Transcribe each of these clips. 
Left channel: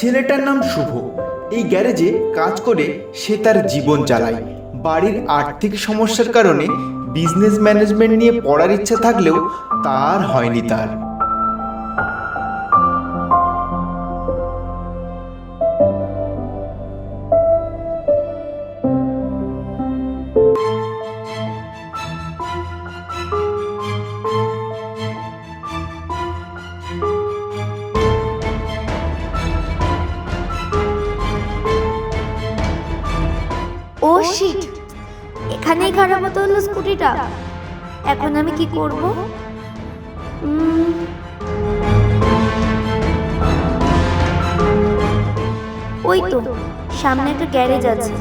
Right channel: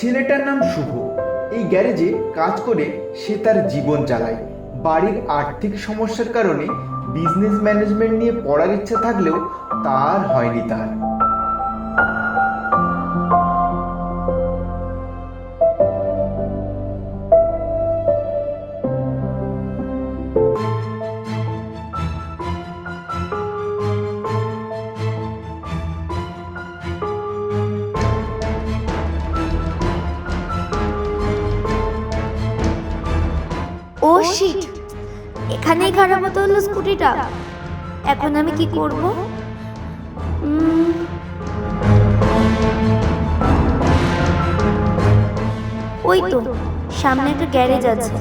ছেলেটার নাম শুভ। এই গ্যারেজে কাজ করে সে তার জীবন চালায়। বাড়ির আর্থিক সমস্যার কারণে বিজনেস ম্যানেজমেন্ট নিয়ে পড়ার ইচ্ছা থাকলেও তার হয়নি তার। ও শিট, এখানেই খারাপ হতে হলো স্কুটিটা। এখন আমি কি করব? ওই তো সামনে একটা গ্যারেজ আছে।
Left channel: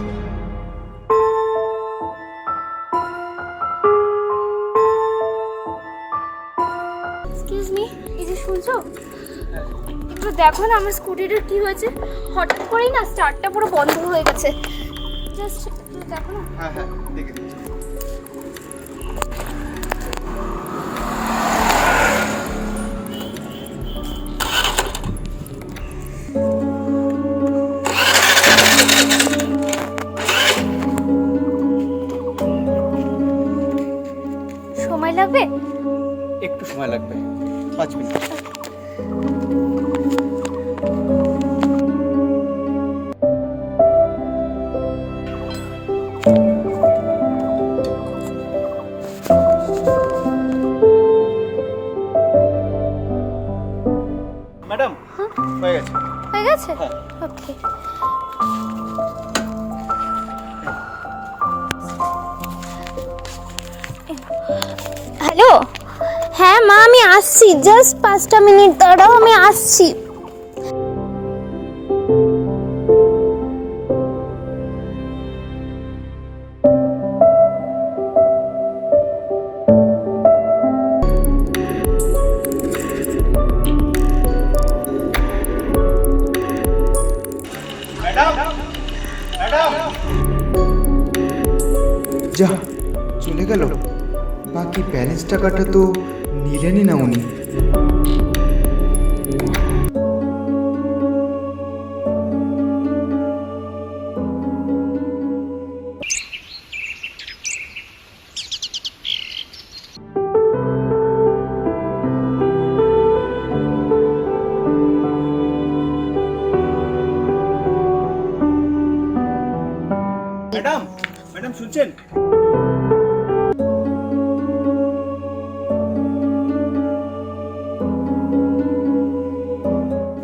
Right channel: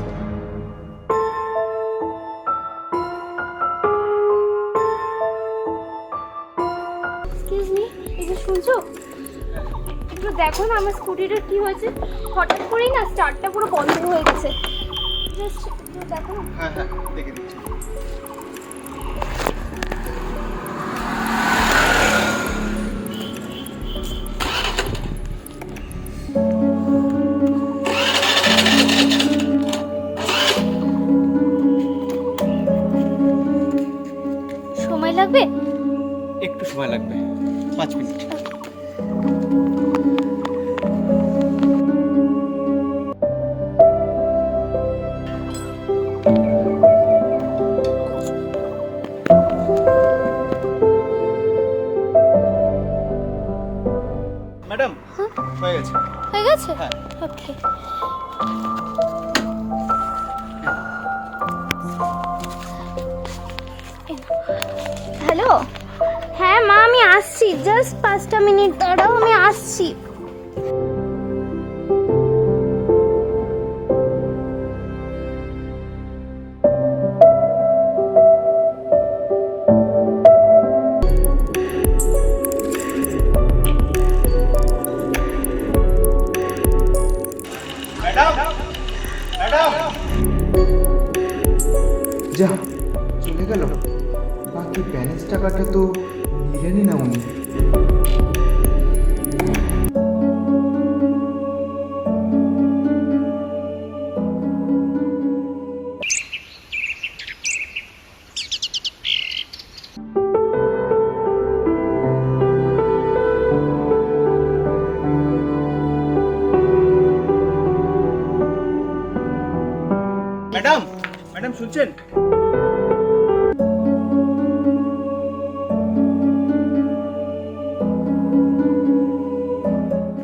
এক্সকিউজ মি, এই যে শুনছো, একটু দেখো না আমার স্কুটিটার কি হয়েছে। হঠাৎ করেই না স্টার্টটা পুরো বন্ধ হয়ে গেছে। জাস্ট একটু দেখো না। হ্যাঁ হ্যাঁ, দেখে দিচ্ছি। সময় লাগবে? একটু সময় লাগবে, 5 মিনিট। ম্যাডাম, হয়ে গেছে। হয়ে গেছে? হ্যাঁ। ওকে। হ্যালো, হ্যাঁ মা, আমি আসছি, জাস্ট 5টা মিনিট দাঁড়াও, আমি আসছি। ম্যাডাম, ম্যাডাম, যা চলে গেল। বাকি ব্যালেন্স টাকাটা তো নিলেনই না উনি। ম্যাডাম, ম্যাডাম শুনছেন?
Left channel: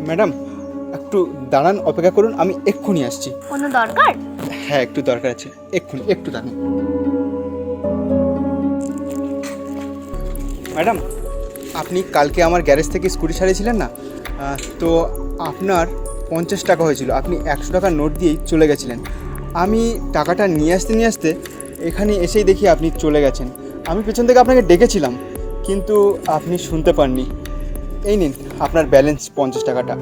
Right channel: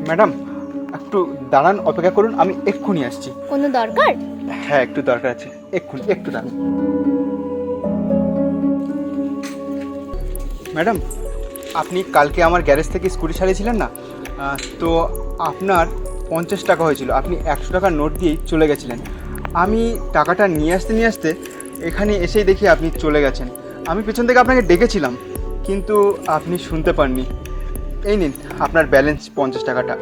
ম্যাডাম একটু দাঁড়ান, অপেক্ষা করুন, আমি এক্ষুনি আসছি। কোনো দরকার? হ্যাঁ, একটু দরকার আছে, এক্ষুনি, একটু দাঁড়ান। ম্যাডাম, আপনি কালকে আমার গ্যারেজ থেকে স্কুটি ছাড়িয়েছিলেন না? তো আপনার 50 টাকা হয়েছিল, আপনি 100 টাকার নোট দিয়েই চলে গেছিলেন। আমি টাকাটা নিয়ে আসতে এখানে এসেই দেখি আপনি চলে গেছেন। আমি পেছন থেকে আপনাকে ডেকেছিলাম, কিন্তু আপনি শুনতে পাননি। এই নিন আপনার ব্যালেন্স 50 টাকাটা।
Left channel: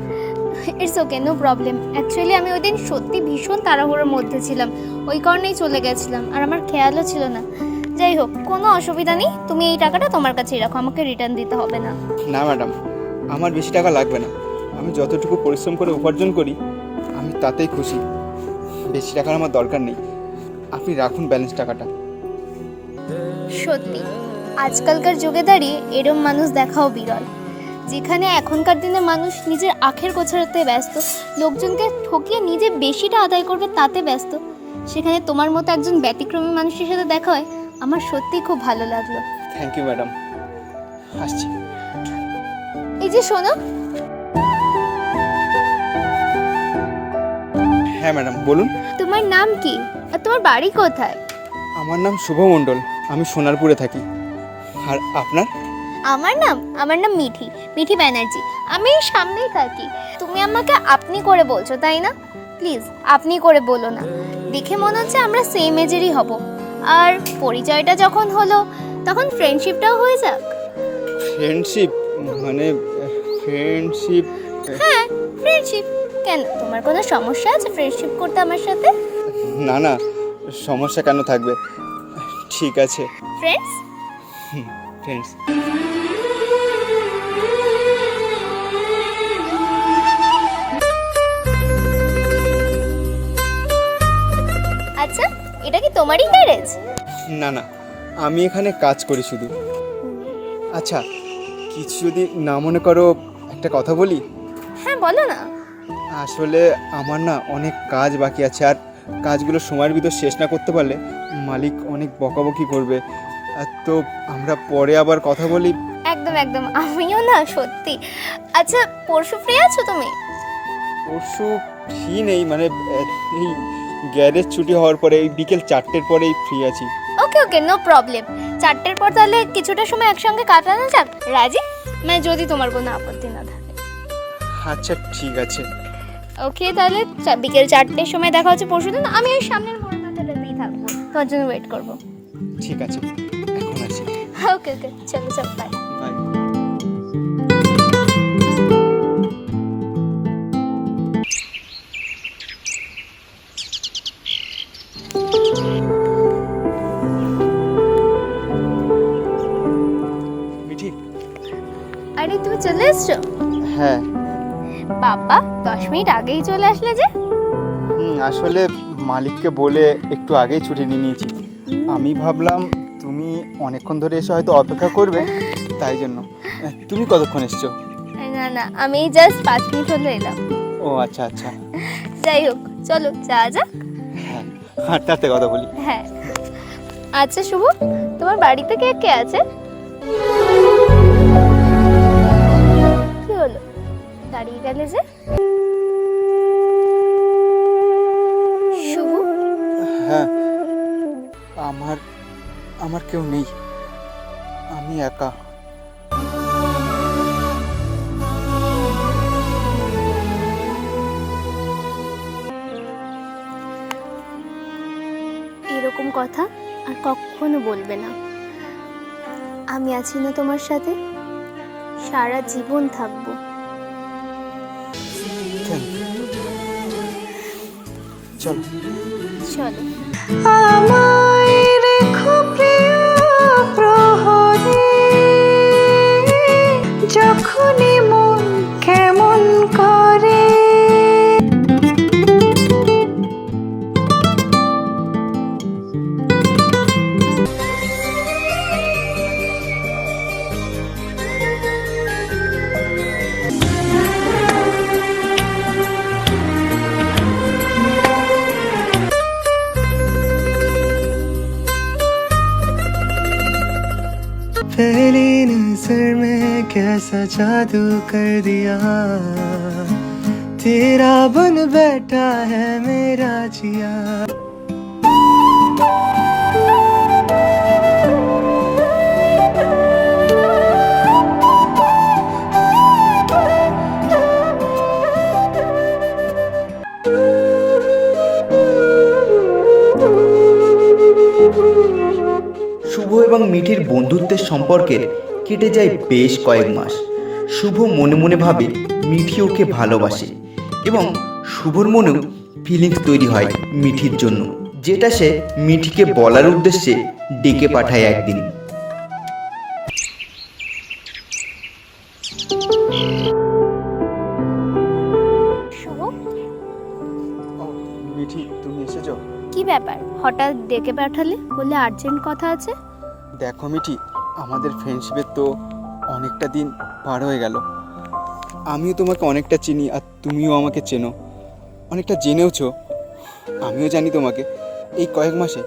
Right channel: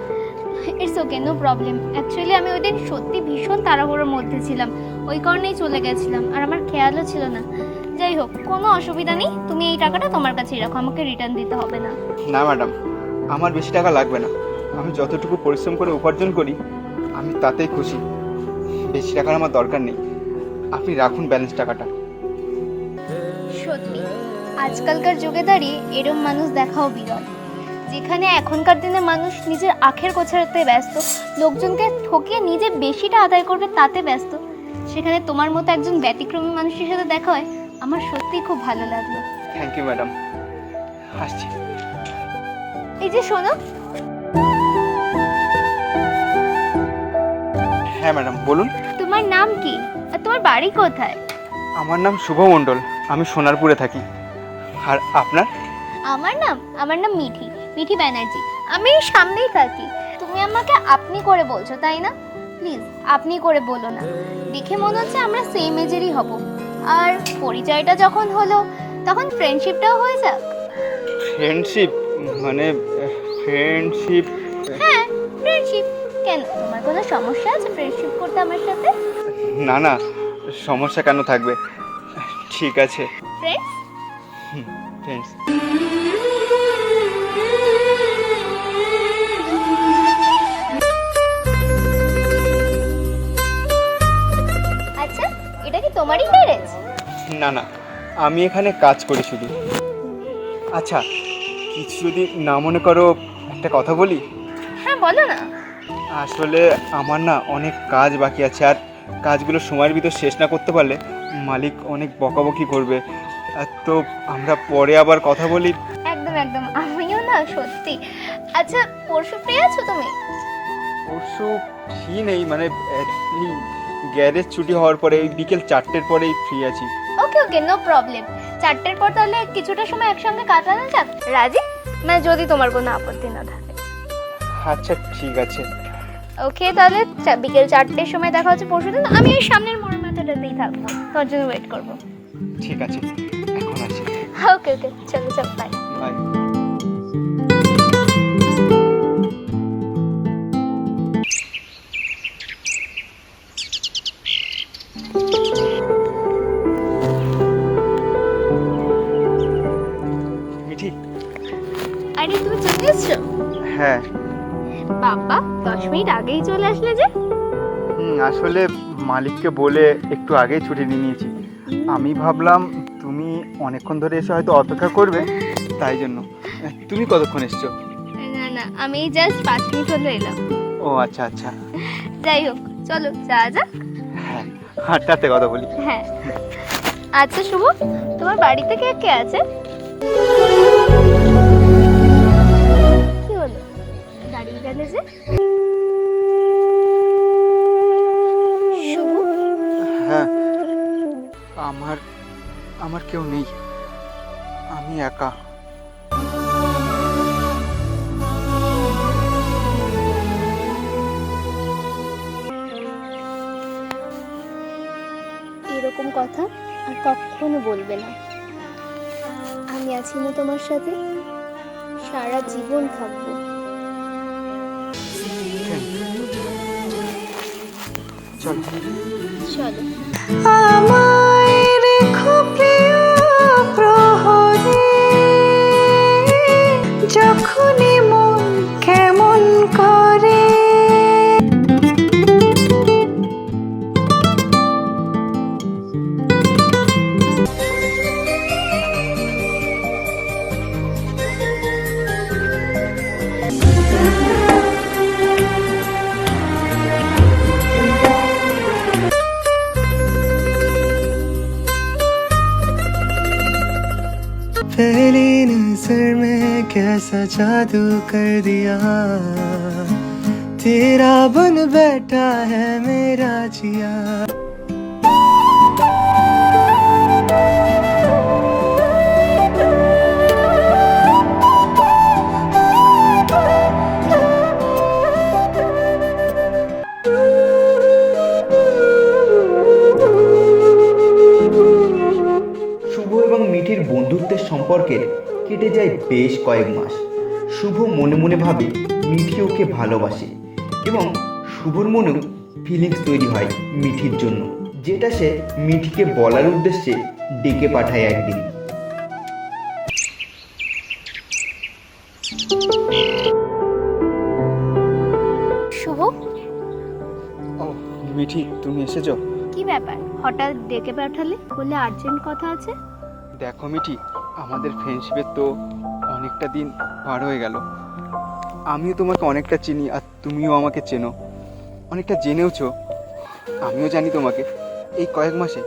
It's okay, no problem. Actually আমি ওই দিন সত্যি ভীষণ তাড়াহুড়োর মধ্যে ছিলাম, ওই কারণেই চলে গেছিলাম, আর আমার খেয়ালও ছিল না। যাই হোক, কোনো অসুবিধা নেই, তুমি এই টাকাটা তোমার কাছেই রাখো, আমাকে রিটার্ন দিতে হবে না। না ম্যাডাম, আমার বেশি টাকা লাগবে না। আমি যতটুকু পরিশ্রম করে উপার্জন করি আমি তাতেই খুশি। বেশি টাকার আমার দরকার নেই, আপনি রাখুন ব্যালেন্স টাকাটা। সত্যি আজকালকার যুগে দাঁড়িয়ে এরম মানুষ দেখাও বিরল। যেখানে এখনকার দিনে মানুষ নিজের আখের গোছাতে ব্যস্ত, লোকজনকে ঠকিয়ে নিজে বেশিটা আদায় করবে তাতে ব্যস্ত, সেখানে তোমার মতো একজন ব্যতিক্রমী মানুষের সাথে দেখা হয় আমার সত্যি খুব ভালো লাগলো। থ্যাংক ইউ ম্যাডাম, আসছি। এই যে শোনো, হ্যাঁ ম্যাডাম, বলুন। তোমার নাম কি আর তোমার বাড়ি কোথায়? আমার নাম শুভ মণ্ডল, আমি সোনারপুরে থাকি। আর আপনার? আমার নাম মিঠি, মিঠি ব্যানার্জি। আমি এই সামনেই থাকি। তুমি আমাকে আপনি করে বলছো তাই না? প্লিজ আপনি করে বলো না, দেখে মনে হচ্ছে আমরা সেম এজেরই হব। আর পরিচয়টা যখন হলো তখন ফ্রেন্ডশিপটাও হয়ে যাক। ফ্রেন্ডশিপ মানে ফ্রেন্ডশিপ? হ্যাঁ, ফ্রেন্ডশিপ। কেন, তোমার কোনো সমস্যা আছে ফ্রেন্ডশিপ করতে আমার সাথে? না না, সমস্যা কেন থাকবে, ঠিক আছে। ফ্রেন্ডস? ফ্রেন্ডস। তোমারই গ্যারেজ? না না, আমি এখানে কাজ করি শুধু। আচ্ছা, কিছু যদি না মনে করো একটা কথা বলি। হ্যাঁ বলো না। আসলে আমার না অনেক কাজ বাকি আছে, আর কাজগুলো সময়ের ভিতর শেষ না করতে পারলে মালিক অনেক বকাবকি করবে। তো আমরা পরে আবার কথা বলি। একদম একদম, আমিও না সত্যি। আচ্ছা পরশু ফ্রি আছো তুমি? পরশু ফ্রি নেই, মানে এই গ্যারেজ ছুটি হওয়ার পরে এই বিকেল 4টের পরেই ফ্রি আছি। ওকে ওকে, নো প্রবলেম। 4টের পর তাহলে কিছুটা সময় একসঙ্গে কাটানো যাক, রাজি? মানে যদি তোমার কোনো আপত্তি না থাকে। আচ্ছা ঠিক আছে। ওকে তাহলে বিকেল 4টের সময় দেখা হচ্ছে পরশুদিন। আমি ওই সামনের মোড় মাথাটাতেই থাকবো, তোমার জন্য ওয়েট করবো। ঠিক আছে, এখন আসি। ওকে ওকে, চলো চলো, বাই। বাই। মিঠি। আরে তুমি চলে এসছো? হ্যাঁ। বাবা 10 মিনিট আগেই চলে আসলে যে? আসলে মালিককে বলে একটু আগেই ছুটি নিয়ে নিয়েছি। আমি ভাবলাম তুমি অনেকক্ষণ ধরে এসে হয়তো অপেক্ষা করবে, তাই জন্য। তুমি কতক্ষণ এসছো? না না, আমি জাস্ট 5 মিনিট হলো এলাম। ও আচ্ছা আচ্ছা। যাই হোক, চলো যাওয়া যাক। হ্যাঁ, হাঁটতে হাঁটতে কথা বলি। হ্যাঁ। আচ্ছা শুভ, তোমার বাড়িতে কে কে আছে? কি হলো, দাঁড়িয়ে গেলে যে? শুভ, হ্যাঁ, আমার কেউ নেই, আমি একা। এরকম কথা আর কখনো বলবে না। আমি আছি না তোমার সাথে, সারা জীবন থাকবো। চল। চলো। আমায় রেখো প্রিয় প্রহরে, যখনই মন কেমন করে। पहली नजर में कैसा जादू कर दिया, तेरा बन बैठा है मेरा जिया। শুভ এবং মিঠির বন্ধুত্বের সম্পর্কে কেটে যায় বেশ কয়েক মাস। শুভ মনে মনে ভাবে মিঠি ওকে ভালোবাসে এবং শুভর মনেও ফিলিংস তৈরি হয় মিঠির জন্য, যেটা সে মিঠিকে বলার উদ্দেশ্যে ডেকে পাঠায় একদিন। শুভ, ও মিঠি, তুমি এসেছো? কি ব্যাপার হঠাৎ ডেকে পাঠালে? বলে আর্জেন্ট কথা আছে। দেখো মিঠি, আমাদের ফ্রেন্ডশিপের তো অনেকটা দিন পার হয়ে গেল। আমিও তোমাকে অনেকটা চিনি আর তুমিও আমাকে চেনো, অনেকটা জেনেওছো। আমিও জানি তোমাকে। এই কয়েক মাসে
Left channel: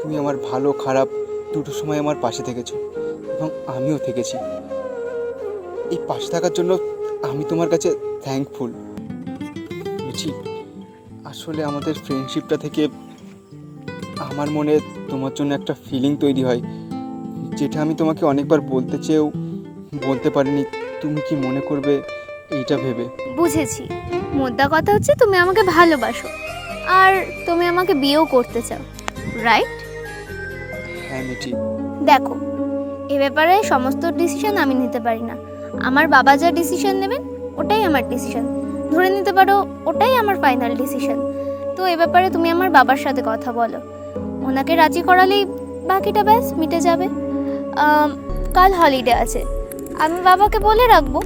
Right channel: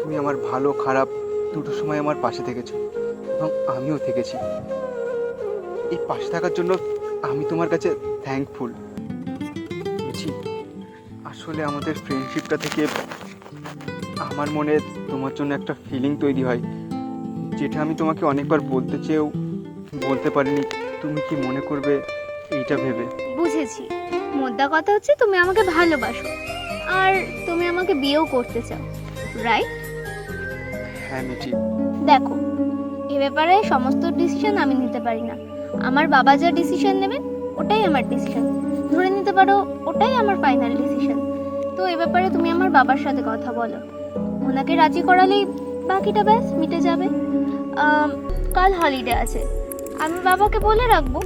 তুমি আমার ভালো খারাপ দুটো সময় আমার পাশে থেকেছো এবং আমিও থেকেছি। এই পাশে থাকার জন্য আমি তোমার কাছে থ্যাঙ্কফুল। মিঠি, আসলে আমাদের ফ্রেন্ডশিপটা থেকে আমার মনে তোমার জন্য একটা ফিলিং তৈরি হয়, যেটা আমি তোমাকে অনেকবার বলতে চেয়েও বলতে পারিনি। তুমি কি মনে করবে এইটা ভেবে? বুঝেছি, মোদ্দা কথা হচ্ছে তুমি আমাকে ভালোবাসো আর তুমি আমাকে বিয়েও করতে চাও, রাইট? হ্যাঁ মিঠি। দেখো, এ ব্যাপারে সমস্ত ডিসিশন আমি নিতে পারি না। আমার বাবা যা ডিসিশন নেবেন ওটাই আমার ডিসিশন, ধরে নিতে পারো ওটাই আমার ফাইনাল ডিসিশন। তো এ ব্যাপারে তুমি আমার বাবার সাথে কথা বলো, ওনাকে রাজি করালেই বাকিটা ব্যাস মিটে যাবে। কাল হলিডে আছে, আমি বাবাকে বলে রাখবো,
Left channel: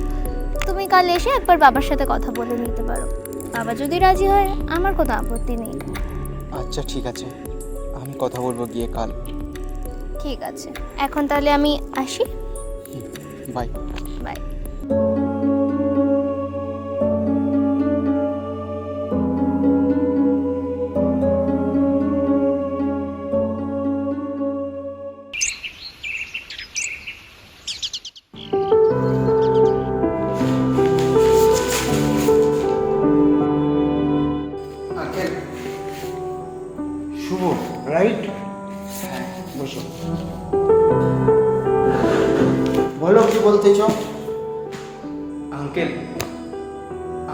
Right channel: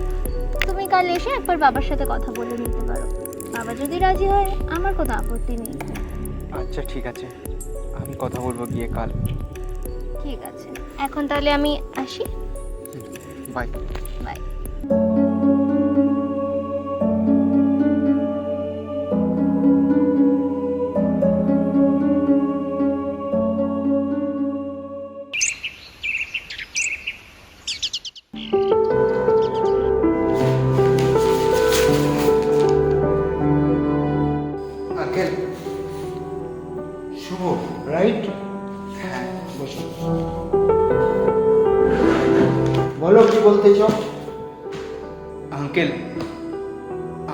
তুমি কাল এসে একবার বাবার সাথে কথা বলে নিতে পারো। বাবা যদি রাজি হয় আমার কোনো আপত্তি নেই। আচ্ছা ঠিক আছে, আমি কথা বলবো গিয়ে কাল। ঠিক আছে, এখন তাহলে আমি আসি। Bye. Bye. Uncle, Shubho, right? বসো, বলো কি বলতে চাও? আঙ্কেল,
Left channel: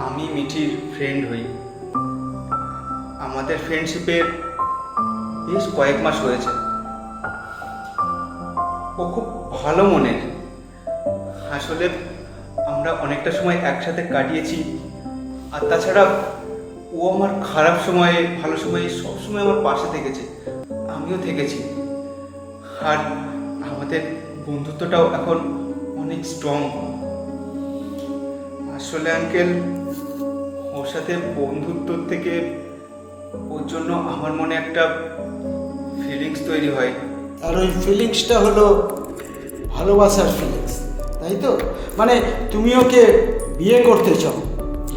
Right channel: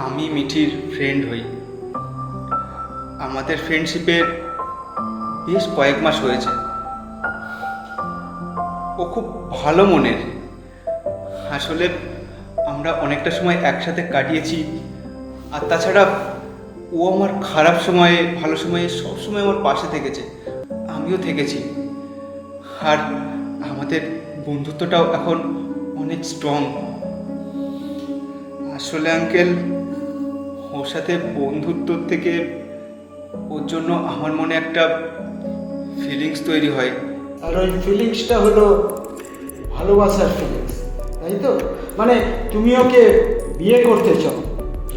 আমি মিঠির ফ্রেন্ড হই। আমাদের ফ্রেন্ডশিপের বেশ কয়েক মাস হয়েছে। ও খুব ভালো মনের। আসলে আমরা অনেকটা সময় একসাথে কাটিয়েছি। আর তাছাড়া ও আমার খারাপ সময়ে ভালো সময়ে সবসময় আমার পাশে থেকেছে, আমিও থেকেছি। আর আমাদের বন্ধুত্বটাও এখন অনেক স্ট্রং। আসলে আঙ্কেল, ওর সাথে বন্ধুত্ব থেকে ওর জন্য আমার মনে একটা ফিলিংস তৈরি হয়। আর ওই ফিলিংসটা হলো ভালোবাসার ফিলিংস, তাই তো? মানে তুমি ওকে বিয়ে করতে চাও,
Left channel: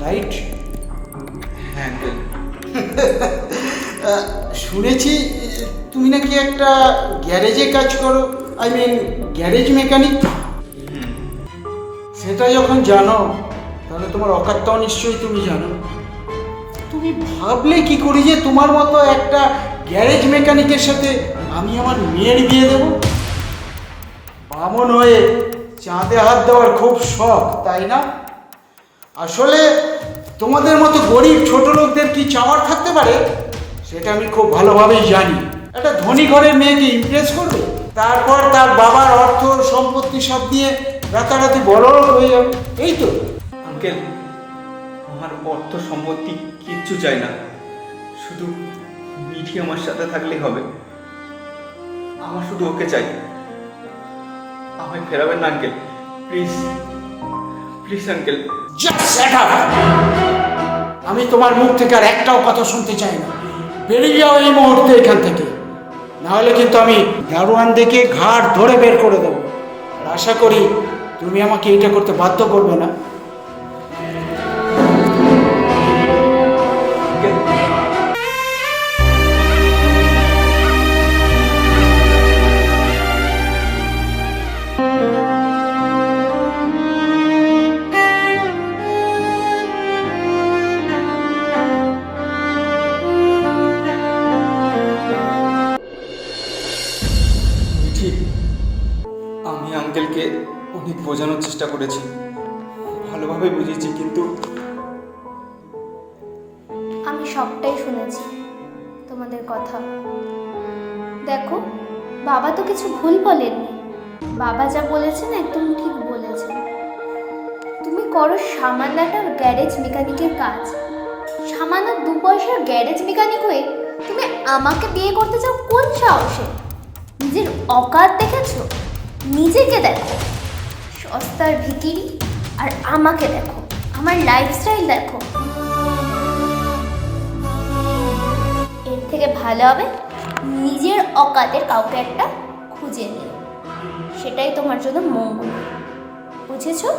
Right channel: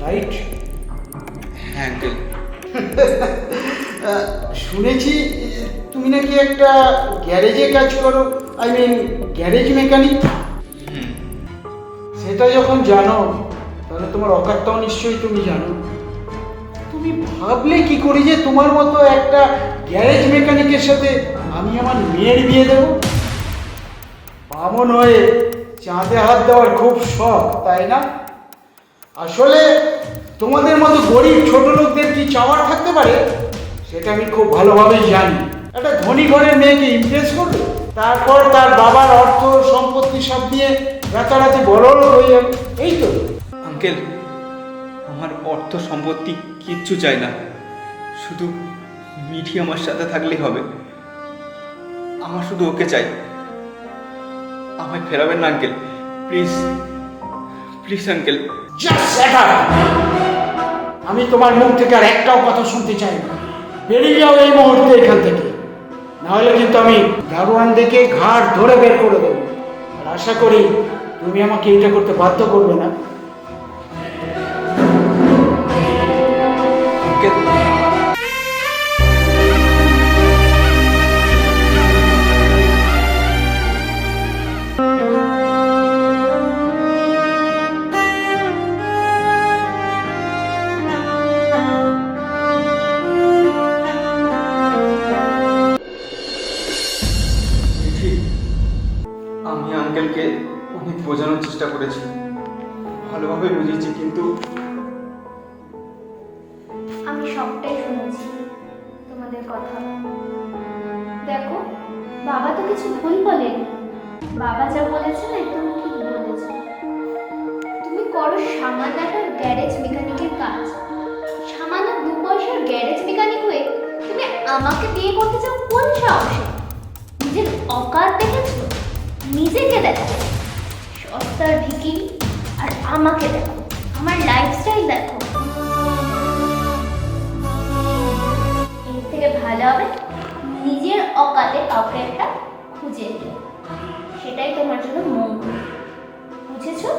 রাইট? হ্যাঁ আঙ্কেল। শুনেছি তুমি নাকি একটা গ্যারেজে কাজ করো, আই মিন গ্যারেজ মেকানিক। সেটা যখন জানো তাহলে তোমার অকারটাও নিশ্চয়ই তুমি জানো। তুমি ভাবলে কি করি যে তোমার মতো একটা গ্যারেজ মেকানিকের সাথে আমি আমার মেয়ের বিয়ে দেবো? বামন হয়ে চাঁদে হাত দেওয়ার খুব শখ, তাই না? আসলে তোমাদের মতো গরিব ছোট লোকদের কি চাওয়ার থাকতে পারে সেটা আমি খুব ভালোভাবেই জানি। একটা ধনী ঘরের মেয়েকে ইমপ্রেস করবে, তারপর তার বাবার অর্থ সম্পত্তি সব দিয়ে রাতারাতি বড়লোক হয়ে যাবে, এই তো। আঙ্কেল, আমার অর্থ সম্পত্তি কিচ্ছু চাই না, শুধু মিঠি আমার সাথে থাকলেই হবে। আমার শুধু ওকে চাই। আমায় ফেরাবেন না uncle, please please uncle. Just shut up! আমি তোমার মুখ থেকে আর একটাও কথা শুনতে চাই না। বেরিয়ে যাও এই মুহূর্তে এখান থেকে, নাহলে কিন্তু আমি দারোয়ান দেখে ঘাড় ধরে বের করে দেবো। আর আশা করি তুমি আমাকে এটা করতে বাধ্য করবে না। আঙ্কেল, মিঠি, আমি আঙ্কেলকে অনেক বোঝানোর চেষ্টা করেছি, ভালোভাবে বুঝেছি, কিন্তু আমি সবটাই শুনেছি তোমাদের কথা। দেখো, বাবা তো কিছু ভুল বলেননি। বাবা যা বলেছেন একদম ঠিক বলেছেন। তুমি করো সামান্য একটা গ্যারেজ মেকানিকের কাজ, সামান্য 2 পয়সার গ্যারেজ মেকানিক হয়ে তুমি আমাকে বিয়ে করতে চাও কোন সাহসে? নিজের অকাত দেখেছো? নিজেকে দেখো, সস্তার ভিখিরি। আর আমাকে দেখো, আমার লাইফস্টাইল দেখো। এর থেকে ভালো হবে নিজের অকাতের কাউকে একটা খুঁজে নিও, সেটাই তোমার জন্য মঙ্গল। বুঝেছো?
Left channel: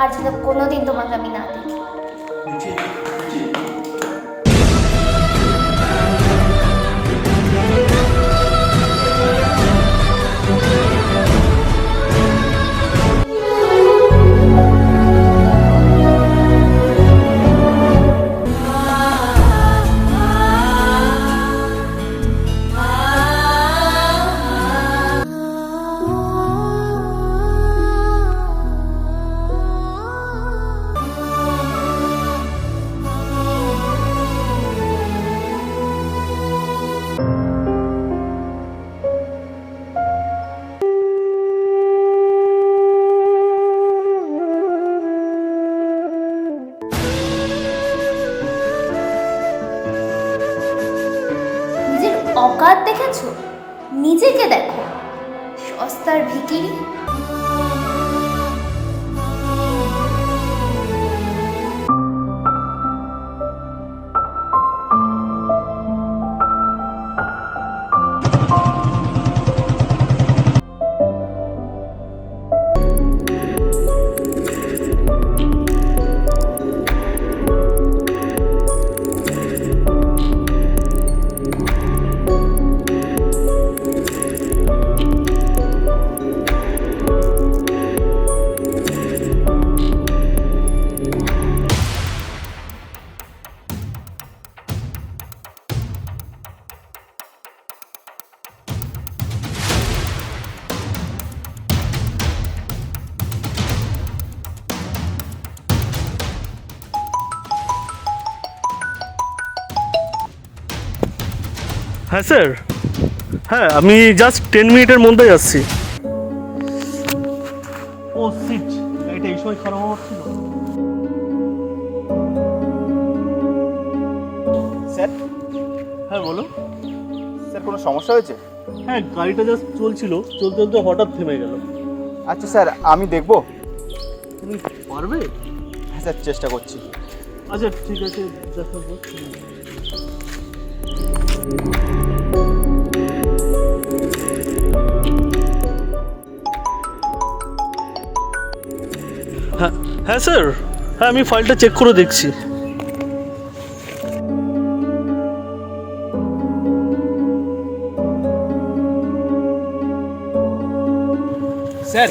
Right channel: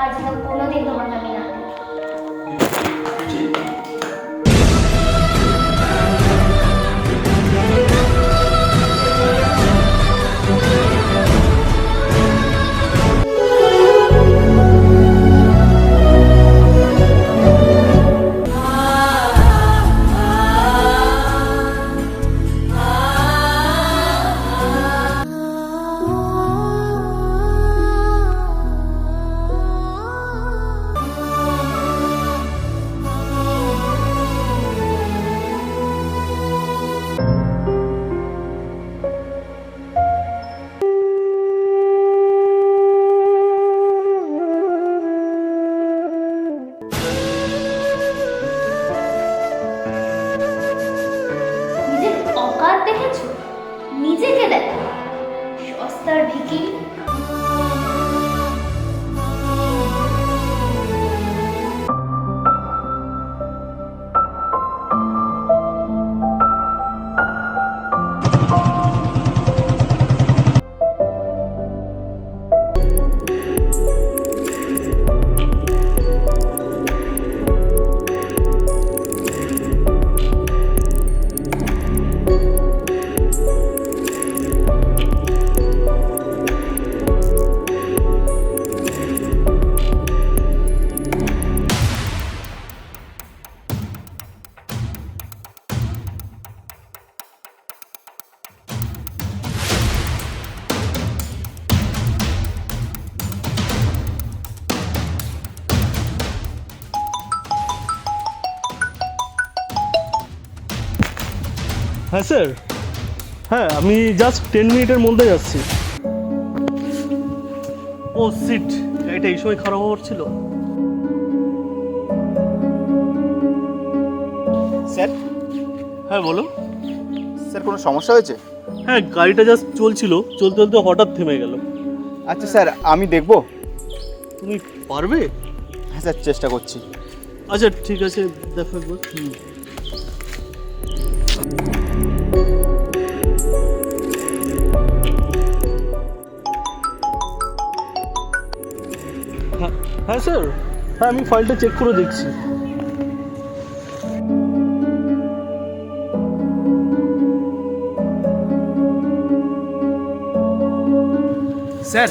আর যেন কোনোদিন তোমাকে আমি না দেখি। অকাত দেখেছো? নিজেকে দেখো, সস্তার ভিখিরি। হ্যাঁ স্যার, হ্যাঁ আমি জাস্ট 10 মিনিটের মধ্যেই আসছি। ও সিট, এটা এই সময় খারাপ হওয়ার ছিল। স্যার, হ্যাঁ বলো। স্যার কোনো সমস্যা হয়েছে? হ্যাঁ, গাড়িটা জাস্ট চলছিল, চলতে চলতে হঠাৎ থেমে গেল। আচ্ছা স্যার, আমি দেখবো। তুমি পারবে? হ্যাঁ স্যার, চেষ্টা করছি। আচ্ছা ঠিক আছে, দেখো একবার। হ্যাঁ হ্যাঁ স্যার, হ্যাঁ আমি ফাইলটা চেক করে দেখছি। স্যার,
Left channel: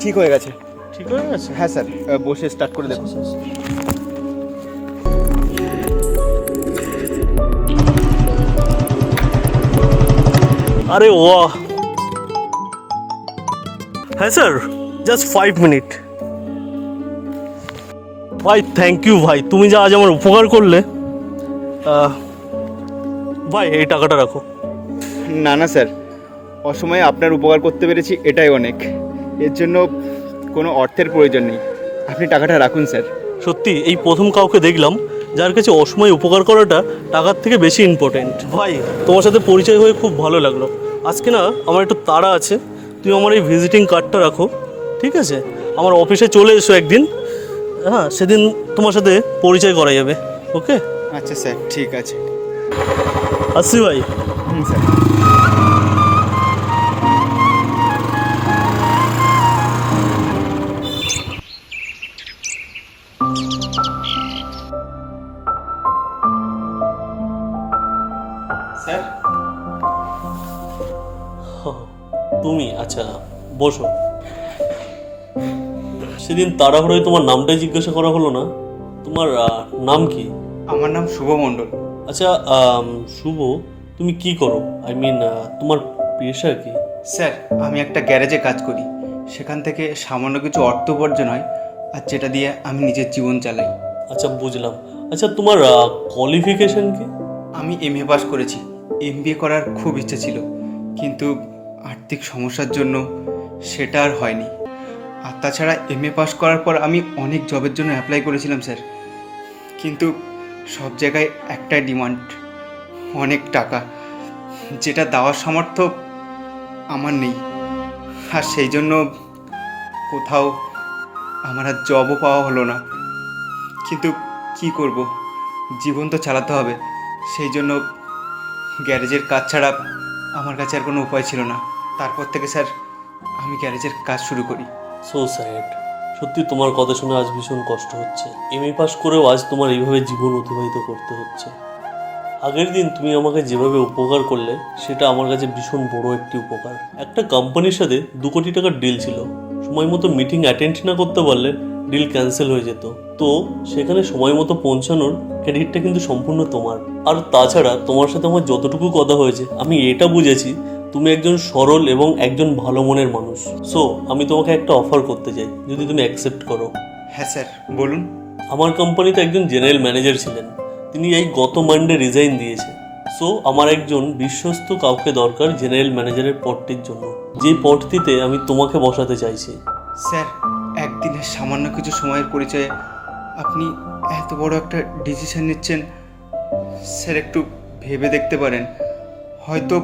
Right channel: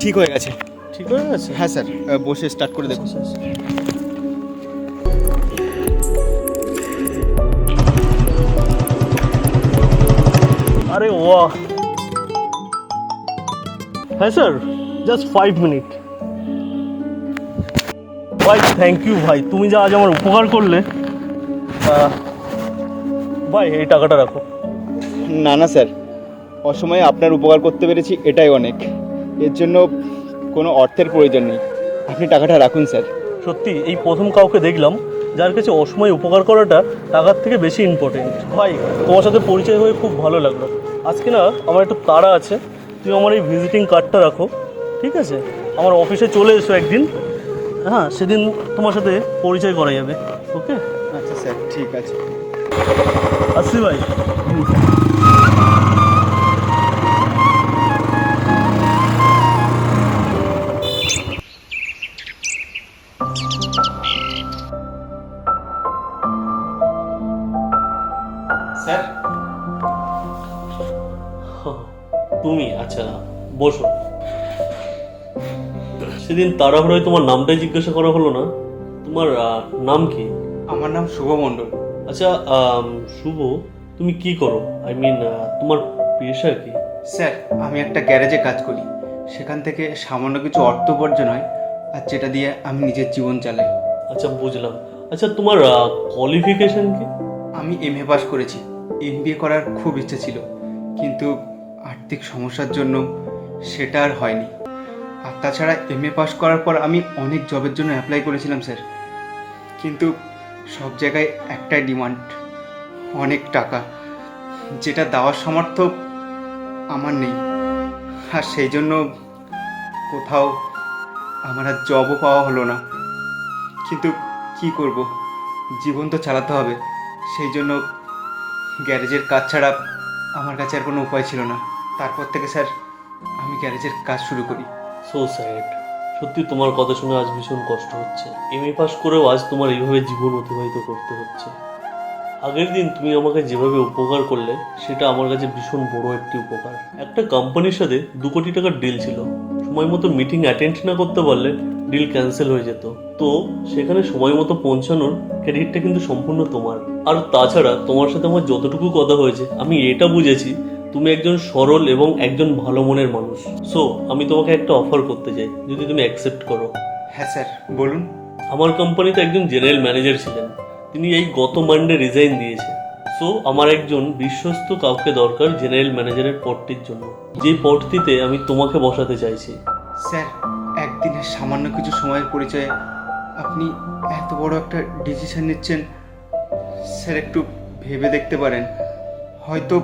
ঠিক হয়ে গেছে। ঠিক হয়ে গেছে? হ্যাঁ স্যার, বসে স্টার্ট করে দেখো। আরে ও, হ্যাঁ স্যার, জাস্ট 5 মিনিট। ভাই থ্যাংক ইউ ভাই, তুমি যা আজ আমার উপকার করলে। ভাই এই টাকাটা রাখো। না না স্যার, অসময়ে আপনার উপকার করতে পেরেছি, এটাই অনেক। এর জন্য কোনো অর্থের প্রয়োজন নেই, আপনি টাকাটা রাখুন স্যার। সত্যি এই প্রথম কাউকে দেখলাম যার কাছে অসময়ে উপকার করাটা টাকার থেকে বেশি ইম্পর্টেন্ট। ভাই তোমার সাথে পরিচয় হয়ে খুব ভালো লাগলো। আজকে না আমার একটু তাড়া আছে, তুমি আমার এই ভিজিটিং কার্ডটা রাখো, ঠিক আছে? আমার অফিসে চলে এসো একদিন, হ্যাঁ সেদিন তোমার সাথে পরিচয় করা যাবে। ওকে? আচ্ছা স্যার, ঠিক আছে। আসছি ভাই। স্যার, তুমি আচ্ছা বসো। সেদিন তাড়াহুড়োয় তোমার নামটাই জিজ্ঞাসা করা হলো না, তোমার নাম কি? আমার নাম শুভ মণ্ডল। আচ্ছা শুভ, তুমি কি করো? আই মিন তোমার পেশা কি? স্যার, আমি একটা গ্যারেজে কাজ করি, সেখান থেকে সামান্য কিছু অর্থ উপার্জন হয়, আর যেটা দিয়ে আমি নিজের জীবন চালাই। আচ্ছা বুঝলাম। আচ্ছা তোমার কোয়ালিফিকেশন কি? আমি MA পাস করেছি, MBA করার খুব ইচ্ছা ছিল, কিন্তু আর্থিক সমস্যার জন্য সেটা আর হয়নি। আর তাছাড়া MA পাস করার পর আমি অনেক জবের জন্য অ্যাপ্লাই করেছিলাম স্যার, কিন্তু সব জায়গায় একটাই ডিমান্ড, অনেক টাকা, যেটা দেওয়ার সামর্থ্য আমার নেই। আর সেই জন্য কোথাও আমার আর জবও পাওয়া হলো না। কিন্তু কি করব, জীবন তো চালাতে হবে, সেই জন্য গ্যারেজের কাজ ছাড়া আমার কাছে আর কোনো উপায় ছিল না। তারপর থেকে স্যার আমি গ্যারেজের কাজ শুরু করি। সো স্যাড, সত্যি তোমার কথা শুনে আজ ভীষণ কষ্ট হচ্ছে। MA পাস করেও আজ তোমার এইভাবে জীবন অতিবাহিত করতে হচ্ছে। আগের দিন তুমি আমাকে যেভাবে উপকার করলে সেটা আমার কাছে ভীষণ বড় একটি উপকার। একটা কোম্পানির সাথে 2 কোটি টাকার ডিল ছিল, সময় মতো মিটিং অ্যাটেন্ড না করতে পারলে ডিল ক্যান্সেল হয়ে যেত। তো সেখানে সময় মতো পৌঁছানোর ক্রেডিটটা কিন্তু সম্পূর্ণ তোমার। আর তাছাড়া তোমার সাথে আমার যতটুকু কথা হয়েছে আমি এটা বুঝেছি তুমি একজন সরল এবং একজন ভালো মনের মানুষ। সো আমি তোমাকে একটা অফার করতে চাই, যদি তুমি অ্যাকসেপ্ট করো। হ্যাঁ স্যার, বলুন। আমার কোম্পানিতে একজন জেনারেল ম্যানেজার ছিলেন, তিনি এই গত মানডে রিজাইন দিয়েছে। সো আমার একজন বিশ্বস্ত কাউকে দরকার জেনারেল ম্যানেজারের পদটির জন্য, যেই পদটিতে আমি তোমাকে বসাতে চাইছি। স্যার, একদিনের সামান্য কিছু সময়ের পরিচয়ে আপনি এত বড় একটা ডিসিশন নিচ্ছেন। স্যার একটু ভেবে দেখতে পারেন, হয়তো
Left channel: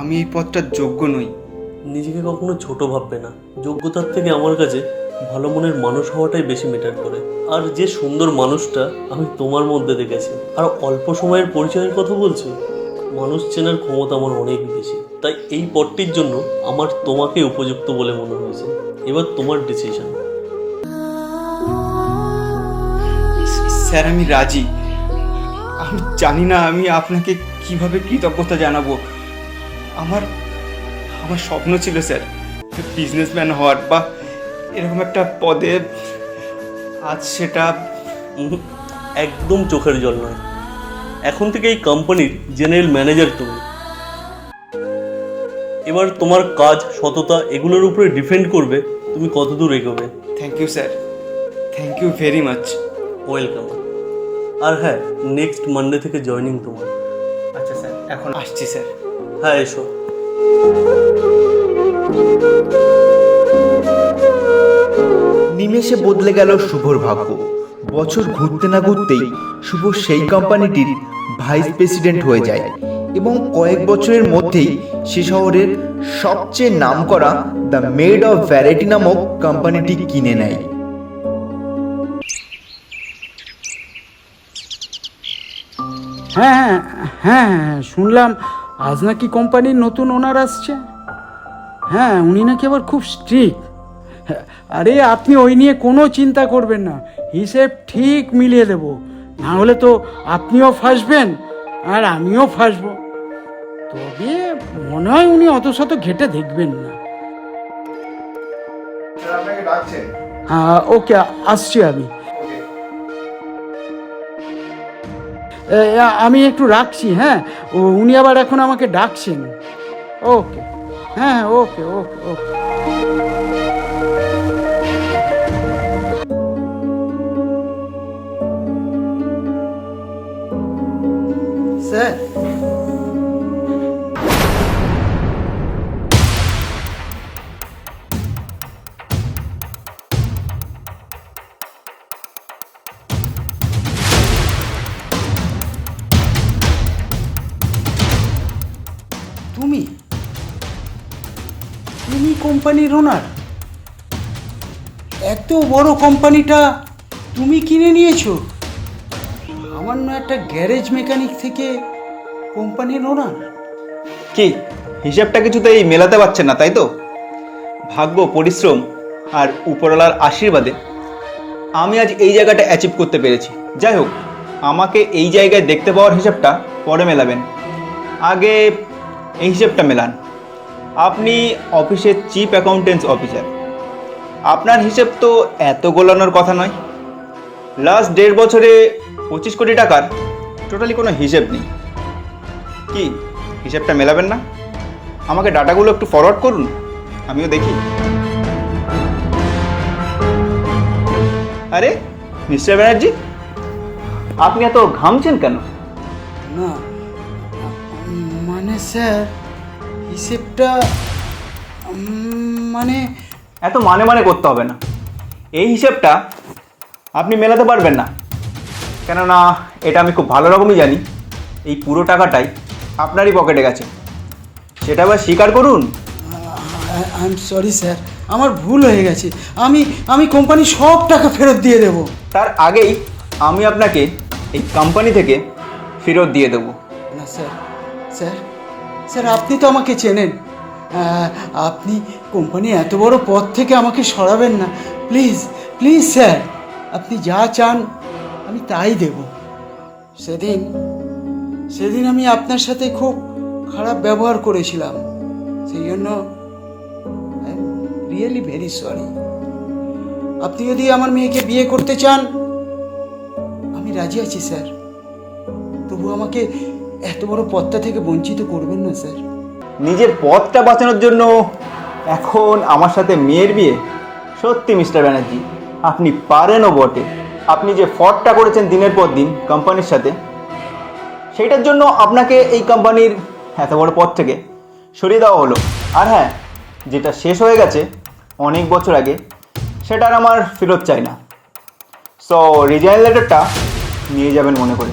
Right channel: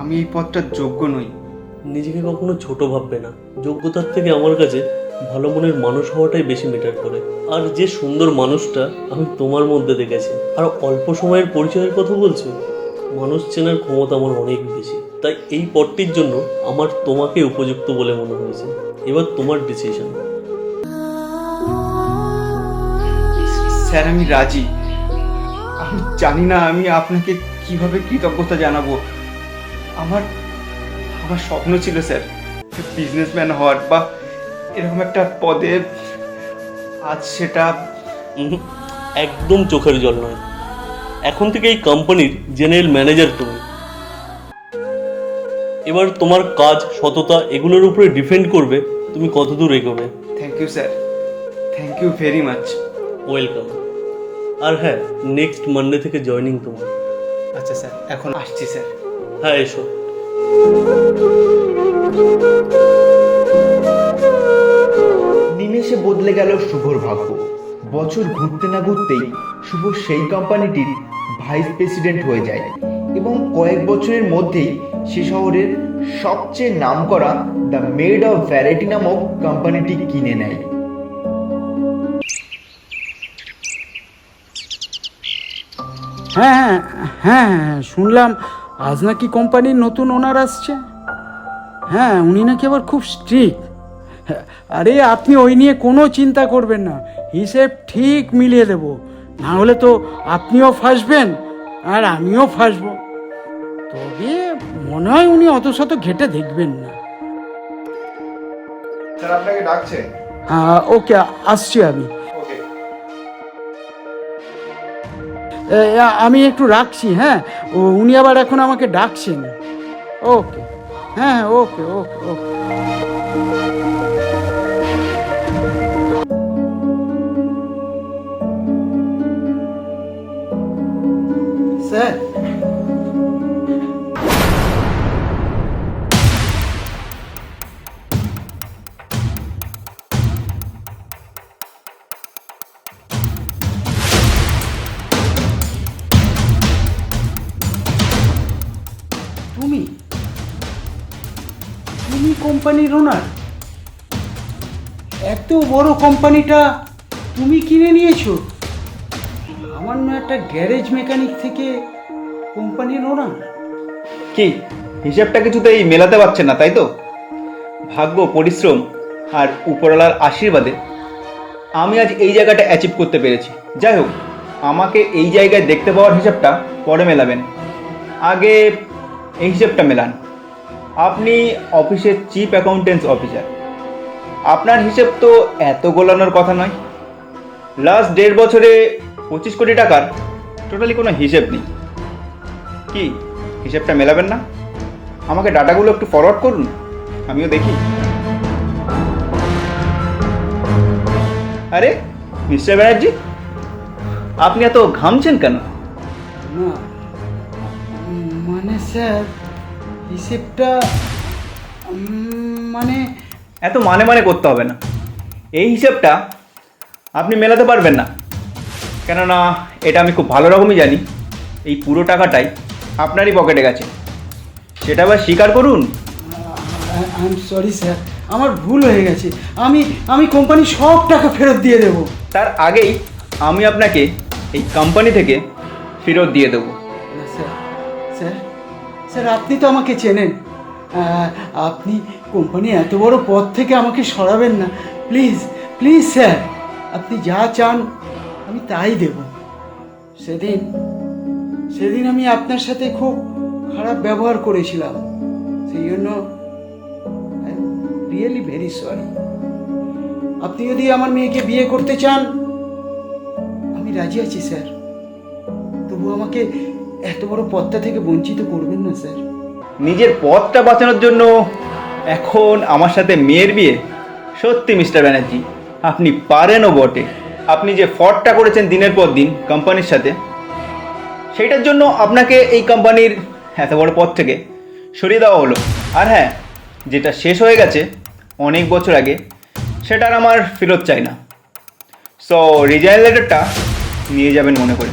আমি এই পদটার যোগ্য নই। নিজেকে কখনো ছোট ভাববে না, যোগ্যতার থেকে আমার কাছে ভালো মনের মানুষ হওয়াটাই বেশি ম্যাটার করে। আর যে সুন্দর মানুষটা আমি তোমার মধ্যে দেখেছি, আর অল্প সময়ের পরিচয়ের কথা বলছি, মানুষ চেনার ক্ষমতা আমার অনেক বেশি। তাই এই পদটির জন্য আমার তোমাকে উপযুক্ত বলে মনে হয়েছে। এবার তোমার ডিসিশন। স্যার আমি রাজি। আমি জানি না আমি আপনাকে কিভাবে কৃতজ্ঞতা জানাবো। আমার আমার স্বপ্ন ছিল স্যার বিজনেসম্যান হওয়ার বা এরকম একটা পদে। আজ সেটা একদম চোখের জল নয়। এখন থেকে এই কোম্পানির জেনারেল ম্যানেজার তুমি। এবার তোমার কাজ, সততা এগুলোর উপরে ডিপেন্ড করবে তুমি কতদূর এগোবে। Thank you sir, thank you very much. Welcome. আর হ্যাঁ, নেক্সট মানডে থেকে জয়েনিং তোমার। আচ্ছা স্যার, এখন আসছি স্যার। হ্যাঁ, এসো। নিমেষে বদলে গেল শুভর ভাগ্য। বছর ঘুরতে না ঘুরতেই শুভ সেই কোম্পানিটির ভাইস প্রেসিডেন্ট হয়ে যায় এবং কয়েক বছরের মধ্যেই সে শহরের সবচেয়ে নামকরা দ্য মেড অফ ভ্যারাইটি নামক কোম্পানিটি কিনে নেয়। হ্যাঁ হ্যাঁ হ্যাঁ, শুনলাম আজ নাকি কোম্পানির নতুন ওনার আসছে। হ্যাঁ, উনি নাকি আবার খুব স্ট্রিক্ট। আরে আপনি ওই নিয়ে কোনো চিন্তা করবেন না, হিসেব ঠিক মিলিয়ে দেব। না হলে তো আপনিও ফাঁসবেন আর আমিও ফাঁসবো। তবে মনে হয় উনি অত শত ঘেটে দেখবেন না। স্যার আপনাকে ডাকছে। ওকে, আসছি আমি। আমি একটু রাখছি। হ্যাঁ, উনি আবার এখন আমাকে ডাকছেন। ওকে, হ্যাঁ ওকে ওকে ওকে। স্যার, তুমি কোম্পানির ওনার? এত বড় কোম্পানিটা তুমি কিনে নিয়েছো? সামান্য একটা গ্যারেজ মেকানিক থেকে কোম্পানির ওনার? কি হিসাবটা কিছুতেই মেলাতে পারছে না, তাই তো? ভাগ্য, পরিশ্রম আর উপরওয়ালার আশীর্বাদে আমি আজ এই জায়গাটা অ্যাচিভ করতে পেরেছি। যাই হোক, আমাকে এই জায়গায় দেখতে পাওয়ার হিসাবটা পরে মেলাবেন, আগে এই হিসাবটা মেলান। আপনি অফিসের চিফ অ্যাকাউন্টেন্টস অফিসার, আপনার হিসেব তো এত গোলানোর কথা নয়। লাস্ট 1.5 বছরে 25 কোটি টাকার টোটালি কোনো হিসেব নেই। কি হিসেবটা মেলাবেন না? আমাকে ডাটাগুলো একটু ফরওয়ার্ড করুন, আমিও দেখি। আরে মিস্টার ব্যানার্জি, আপনি এত ঘামছেন কেন? না, মানে স্যার হিসেবটা মানে এত মানে করতে হবে না। এই হিসেবটা আপনি মেলাতে পারবেন না, কেননা এটা আমি খুব ভালো রকমই জানি এই পুরো টাকাটাই আপনারই পকেটে গেছে। সেটা আবার স্বীকার করুন। আই এম সরি স্যার, আমার ভুল হয়ে গেছে। আমি কোম্পানি সব টাকা ফেরত দিয়ে দেব। তার আগেই আমি আপনাকে এই কোম্পানি থেকে ফেরত দিয়ে দেবো। না স্যার, স্যার স্যার আপনি তো আমাকে চেনেন। আপনি কোম্পানি এত বড় পদ থেকে আমাকে সরাবেন না, প্লিজ প্লিজ স্যার। আপনি যা চান আমি তাই দেব। সেদিন আমি আপনার সাথে খুব খারাপ ব্যবহার করেছিলাম, সেই জন্য I am really very sorry. আপনি যদি আমার মেয়েকে বিয়ে করতে চান আমি রাজি আছি স্যার, তবু আমাকে এত বড় পদটা থেকে বঞ্চিত করবেন না স্যার। নিজের পথটা বাঁচানোর জন্য এখন আমার সাথে মেয়ের বিয়ে? সত্যি মিস্টার ব্যানার্জি, আপনি পারেনও বটে। আপনি যে ফ্রডটা করেছেন দিনের পর দিন কোম্পানির সাথে, সেইটার জন্য আপনাকে এই কোম্পানির এত বড় পদ থেকে সরিয়ে দেওয়া হলো। আর হ্যাঁ, যেটা শেষ হয়ে গেছে অনেক বছর আগে, সেটা আর আমার ফেরত চাই না। সো রিজাইন লেটারটা নিয়ে যাবেন মনে করে।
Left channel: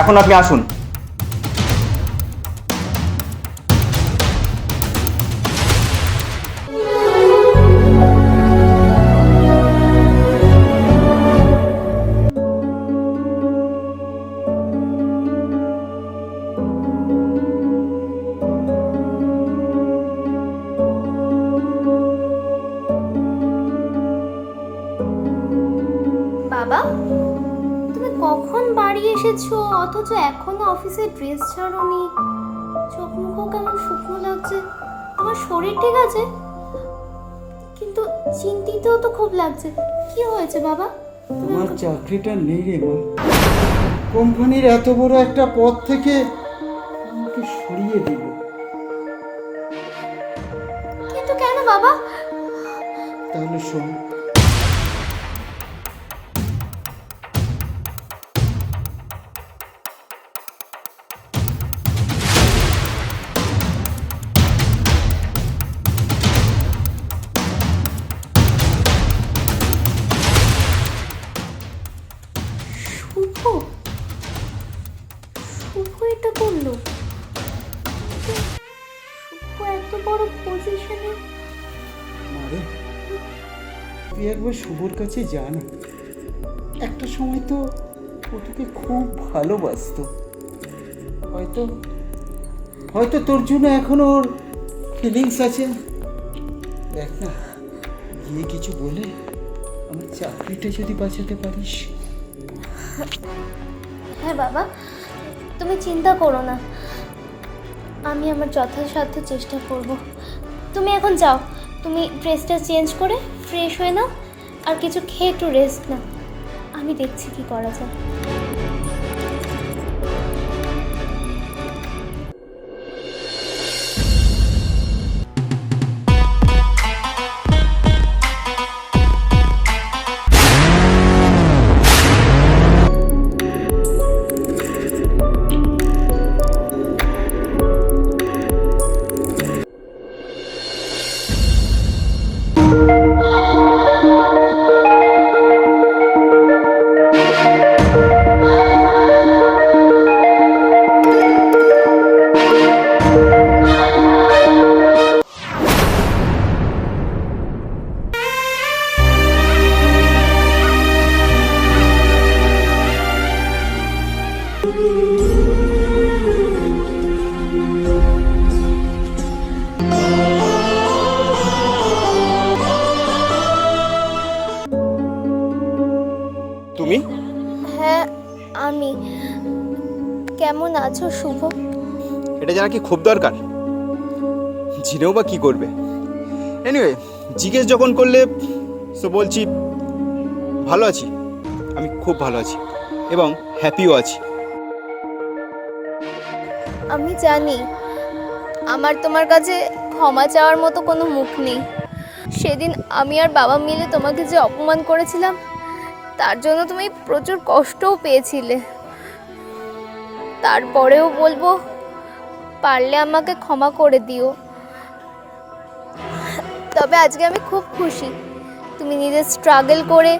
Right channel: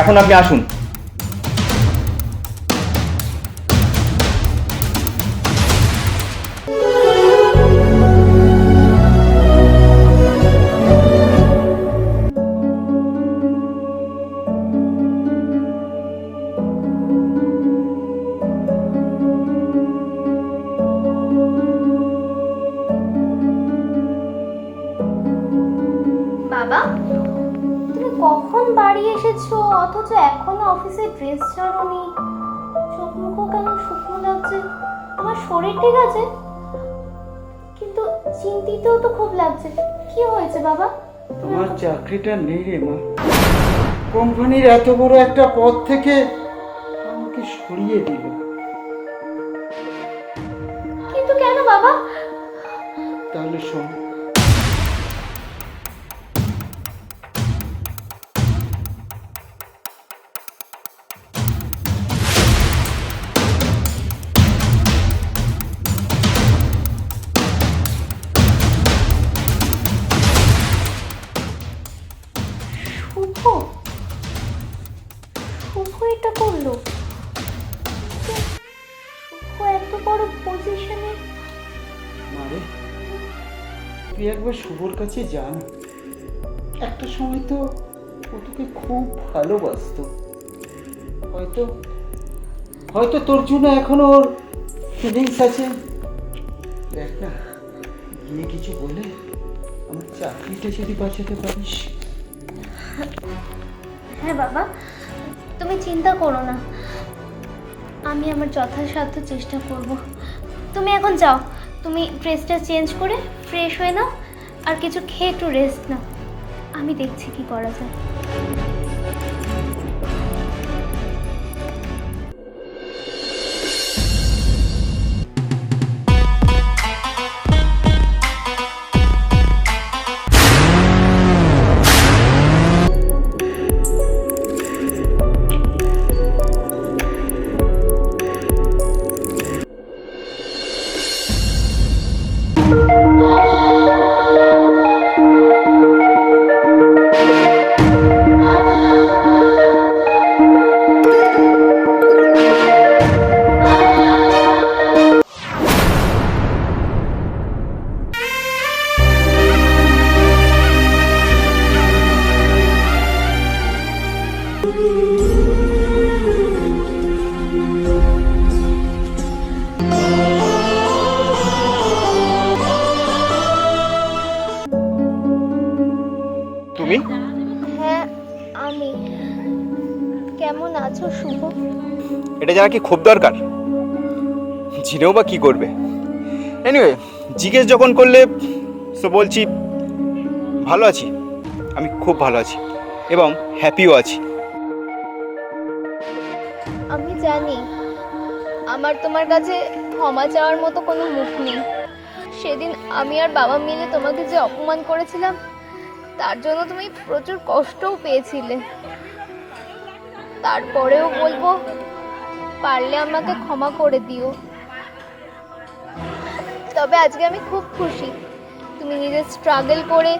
এখন আপনি আসুন। বাবা, তুমি কখন বাড়ি এসেছো অথচ এখনো অফিসের ড্রেস ছাড়োনি? চোখ মুখও কেমন শুকনো লাগছে। তোমার শরীর ঠিক আছে? কিন্তু চিন্তিতও তো খুব লাগছে। কি হয়েছে বাবা? তোমার চাকরিটা নেই রে মা। কোম্পানির এত বড় একটা পদ থেকে আমাকে সরিয়ে দিল। কিন্তু কেন বাবা? তাহলে শোন, শুভ শুভ এটা করলো? কিন্তু শুভ এত বড় পজিশনে। মারে তুই একবার শুভর কাছে যা না। একটা সময় তো ও তোকে খুব ভালোবাসতো। হয়তো হয়তো তোর জন্য এখনো ওর ফিলিংস আছে। দেখ না, গিয়ে কিছু বলে আমার চাকরিটা যদি বাঁচাতে পারিস। হ্যাঁ বাবা, তুমি চিন্তা করো না, আমি আমার যথাসাধ্য চেষ্টা করব। তুমি এখন যাও, তুমি ড্রেসটা চেঞ্জ করে ফ্রেশ হয়ে নাও, আর কিছু খেয়ে একটু রেস্ট নাও। আমি দেখছি কি করা যায়। তুমি? হ্যাঁ আমি। কেমন আছো শুভ? এটা জানা কি খুব দরকার? জিনেও বা কি করবে? এনিওয়ে, জিজ্ঞেস যখন করলে সো বলছি ভালো আছি। আমি খুব ভালো আছি এবং হ্যাপিও আছি। আমি জানি আমার তোমার কাছে ক্ষমা চাওয়ার মতো কোনো মুখ নেই। সেদিন আমি আর বাবা মিলে তোমাকে যে অপমান করেছিলাম, তার জন্য তুমি প্রচুর কষ্টও পেয়েছিলে। তারপরেও বলবো, পারলে আমাকে ক্ষমা করে দিও। তবে আজকে আমি খুব খুশি তুমি নিজে স্ট্রাগল করে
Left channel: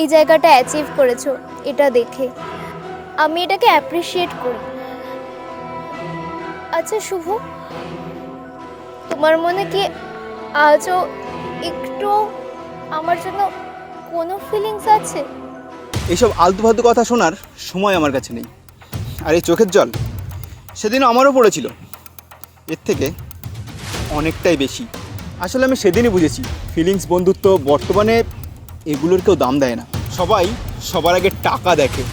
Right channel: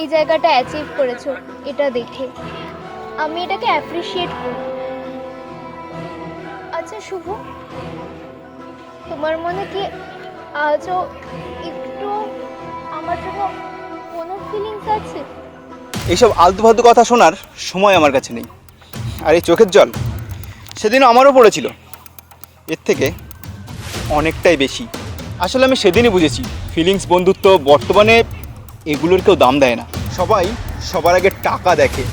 এই জায়গাটা অ্যাচিভ করেছো। এটা দেখে আমি এটাকে অ্যাপ্রিসিয়েট করি। আচ্ছা শুভ, তোমার মনে কি আজও একটু আমার জন্য কোনো ফিলিংস আছে? এইসব আলতু ফালতু কথা শোনার সময় আমার কাছে নেই। আর এই চোখের জল সেদিন আমারও পড়েছিল, এর থেকে অনেকটাই বেশি। আসলে আমি সেদিনই বুঝেছি ফিলিংস, বন্ধুত্ব বর্তমানে এগুলোর কেউ দাম দেয় না। সবাই সবার আগে টাকা দেখে,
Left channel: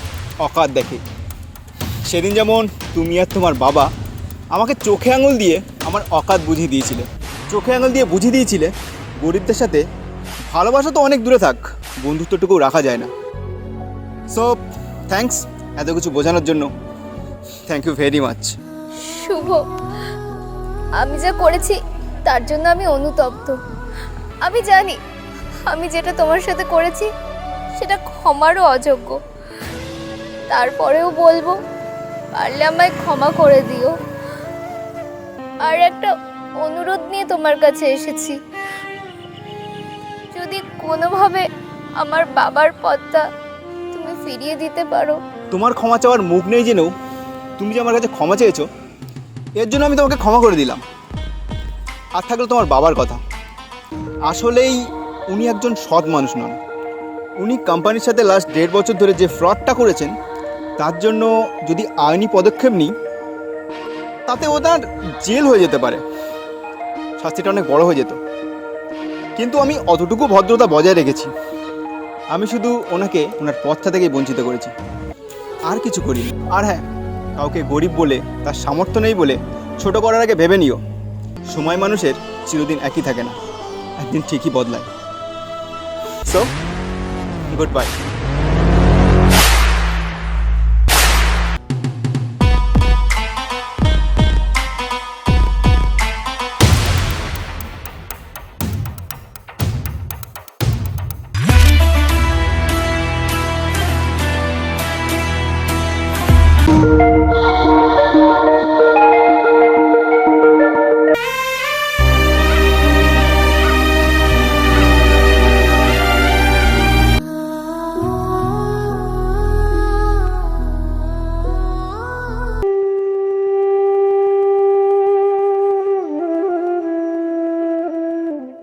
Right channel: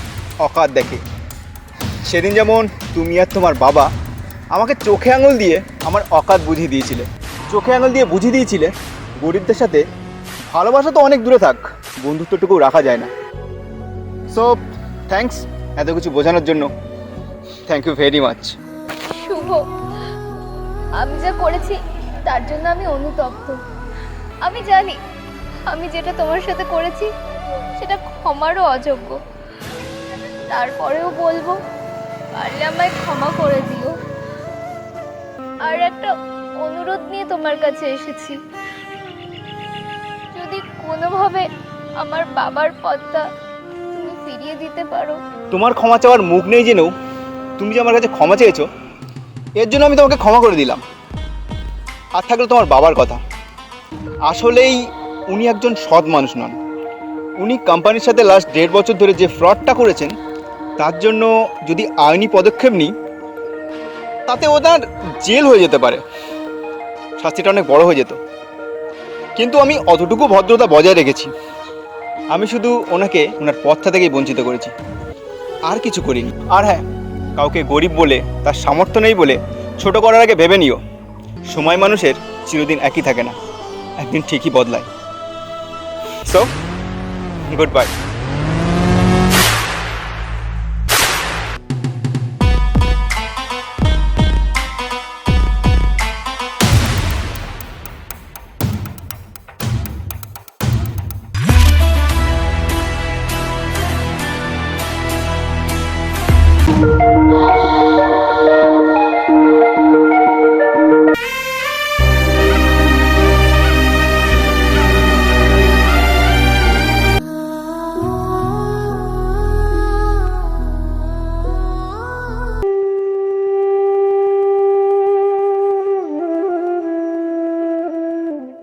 অকাত দেখে। সেদিন যেমন তুমি আর তোমার বাবা আমাকে চোখে আঙুল দিয়ে আমার অকাত বুঝিয়ে দিয়েছিলে। চোখে আঙুল দিয়ে বুঝিয়ে দিয়েছিলে গরিবদের সাথে ভালোবাসা তো অনেক দূরে থাক, বন্ধুত্বটুকু রাখা যায় না। সো থ্যাঙ্কস এত কিছু বোঝানোর জন্য। Thank you very much. Shubho, আমি যা করেছি তার জন্য আমি অনুতপ্ত। আমি জানি আমি যেটা তোমার সাথে করেছি সেটা ক্ষমারও অযোগ্য। তারপরেও বলবো, পারলে আমায় ক্ষমা করে দিও। আর একটা অনুরোধ নিয়ে তোমার কাছে এসেছি, যদি কোনোভাবে আমার বাবার পদটা তুমি ফিরিয়ে দিতে পারো। তোমার ক্ষমা চাওয়ার মুখ নেই জেনেও তুমি যে আমার কাছে ক্ষমা চেয়েছো, এর জন্য আমি তোমাকে ক্ষমা করে দিলাম। আর থাকলে তোমার বাবার কথা, আসলেই উনি একজন সৎ মানুষ নন। উনি কোম্পানির সাথে লাস্ট 1.5 বছর ধরে যে ফ্রডটা করেছেন, তার জন্য যদি আইনি পদক্ষেপ নিই তাতে ওনার জেল হয়ে যেতে পারে, শাস্তিটা অনেক বড় হয়ে যেত। কিন্তু আমি অতটুকু ভদ্রতা বজায় রেখেছি। আমি শুধু ওনাকে ওনার পথটা থেকেই বঞ্চিত করেছি, আর কিছু করিনি। আর হ্যাঁ, কাউকে গরিব বলে, তার সামর্থ্য নেই বলে ছোট করার আগে ভেবে নিও, সময় মানুষের চিরদিন একই থাকে না, একদিন ঠিকই বদলায়। So good bye.